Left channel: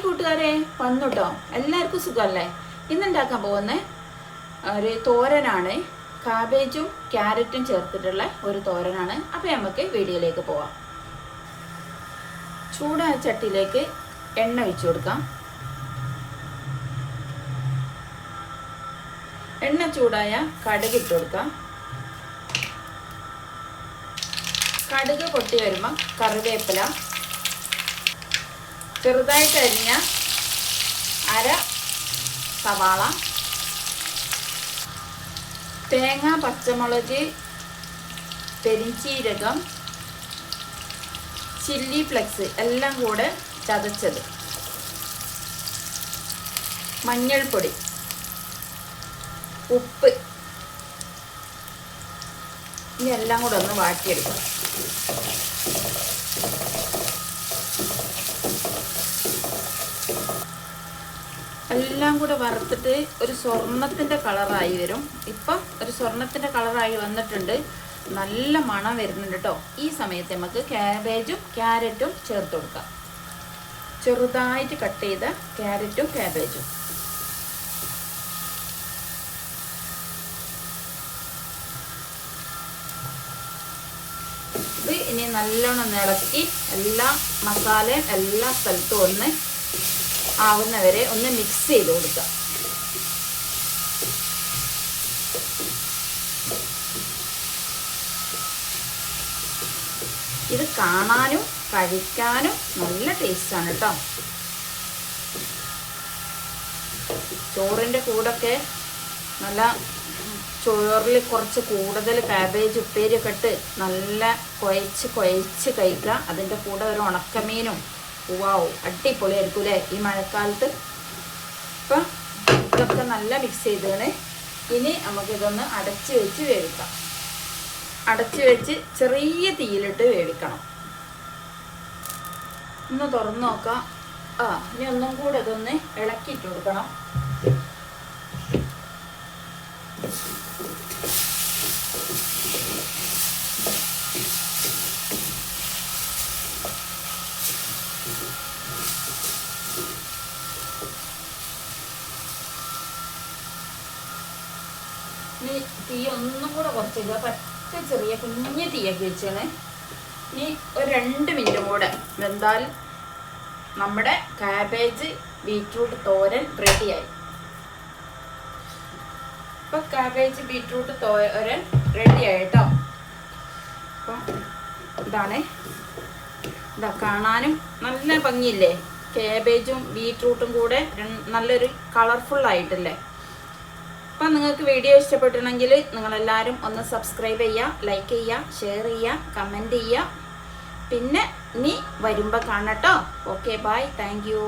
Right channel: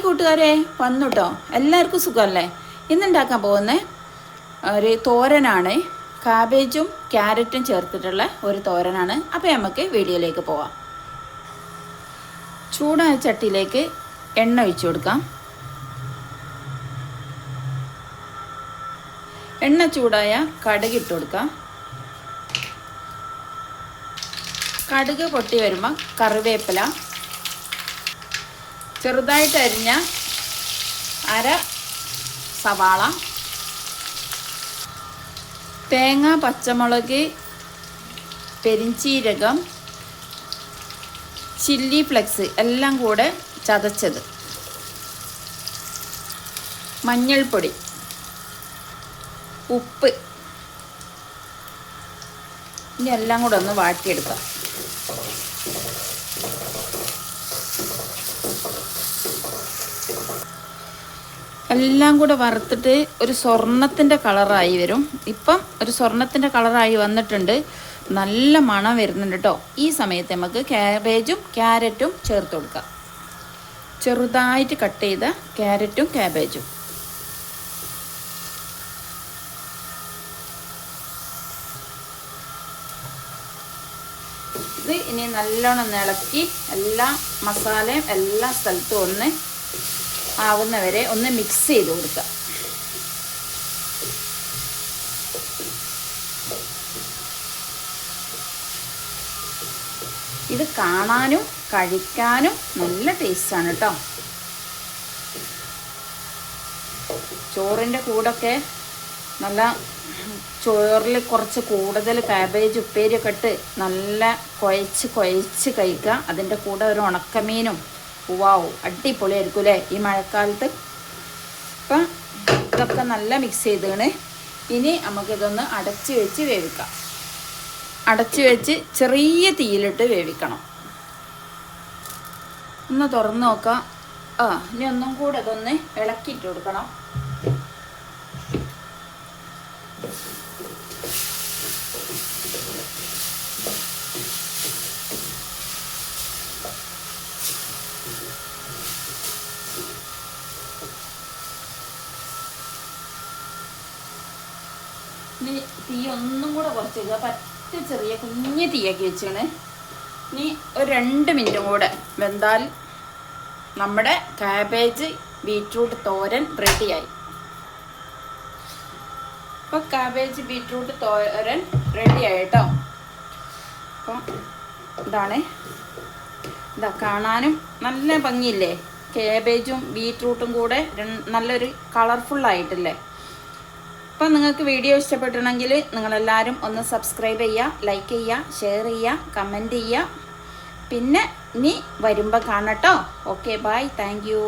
Hi കൂട്ടുകാരെ, വന്നു കേട്ടോ. എല്ലാവർക്കും സുഖമല്ലേ? ഇന്നുണ്ടാക്കാൻ പോകുന്ന ഒരു തോരനാണ്. കാബേജും ക്യാരറ്റും ചേർത്തിട്ടുള്ള ഒരു തോരനാണ്. അപ്പോൾ നമുക്ക് വീഡിയോയിലേക്ക് പോവാം. ചൂടായ ചട്ടിയിലേക്ക് എണ്ണ ഒഴിച്ചു കൊടുക്കാം. എണ്ണ ചൂടായ കടുക് ഇട്ട് കൊടുക്കാം. കടുക് പൊട്ടി വരുമ്പോൾ കറിവേപ്പില, ചെറുതായിട്ട് അരിഞ്ഞ അര സവാള, തേങ്ങ, പച്ചമുളക്, പെരിഞ്ചീരകം, ചില്ലി ഫ്ലെക്സ് എല്ലാം കൂടെ ചതച്ചത്, മഞ്ഞൾപ്പൊടി, ഉപ്പ്, ഇനി എല്ലാം കൂടെ ഒന്ന് വാട്ടിയെടുക്കാം. എല്ലാം കൂടെ വറുത്തിട്ട് ഒരു സ്വർണത്തിൻ്റെ കളറായി വരും. ഇപ്പം ഒരു സ്വർണത്തിൻ്റെ കളറായി വന്നിട്ടുണ്ട്. നല്ല മണം വരുന്നുണ്ട് കേട്ടോ. ഈ സമയത്ത് നമുക്ക് ക്യാബേജും ക്യാരറ്റും ചേർത്ത് കൊടുക്കാം. ചെറുതായിട്ട് കട്ട് ചെയ്ത ക്യാരറ്റും ക്യാബേജും. ഇത് ഇനി നല്ലോണം ഇളക്കി എല്ലാ മസാലയും എല്ലാ സ്ഥലത്തും ഒന്ന് ആവുന്നവരെ ഒന്ന് മിക്സ് ചെയ്ത് കൊടുക്കുക. ഇത് കാണാനും കഴിക്കാനും നല്ല ടേസ്റ്റാണ് കേട്ടോ. ചോറിൻ്റെ കൂടൊക്കെ നല്ല ചോറിൽ കുറച്ച് കൂടുതൽ കാബേജ് ഉപ്പേരിയൊക്കെ ഇട്ട് നല്ല കുഴച്ച് കഴിക്കുക. അതിൻ്റെ കൂടെ ഒരു ഉണക്കമീനും വാവും, അടിപൊളിയായിരിക്കും അല്ലേ ഈ മഴക്കാലത്ത്. അപ്പം ഇതൊക്കെ നല്ല മിക്സ് ചെയ്താണ്. ഇനി നമുക്കിതൊന്ന് അടച്ച് വെച്ച് വേവിക്കാം. അടച്ച് വെച്ച് ചെറിയ തീയിലിട്ട് വേവിക്കണം. ഒന്ന് തുറന്ന് നോക്കാം. ഇനി ഒന്നും കൂടെ ഇതൊന്ന് ഇളക്കിയിട്ട് കൊടുക്കണം. ഇനി തീ ഒന്നും കൂടെ കുറച്ച് പറ്റ ചെറിയ കുഞ്ഞ് തീയൊക്കെ വെച്ചാണ്. ഇനി ഒരു 2 മിനിറ്റും കൂടെ വെന്താൽ നമ്മുടെ കാബേജ് ബീറ്റ്റൂട്ട് തോരൻ റെഡിയായി. അപ്പം കാബേജ് ബീറ്റ്റൂട്ട് തോരൻ റെഡിയായി കേട്ടോ. അപ്പം ഇതാണ്, ഇതാ കാണാനും നല്ല ഭംഗിയില്ലേ? കാബേജും ബീറ്റ്റൂട്ടും കൂടെ നല്ലൊരു കളർഫുള്ളായിട്ടില്ലേ? അപ്പം നിങ്ങൾക്ക് വീഡിയോ ഇഷ്ടപ്പെട്ടിട്ടുണ്ടെങ്കിൽ നിങ്ങളെല്ലാവരും ഒന്ന് സബ്സ്ക്രൈബ് ചെയ്യുക, ലൈക്ക് ചെയ്യുക, ഷെയർ ചെയ്യുക, കമൻറ്റ് ചെയ്യുക. പിന്നെ ഇനി വരുമ്പോൾ കാണട്ടോ. Okay, bye, thank U.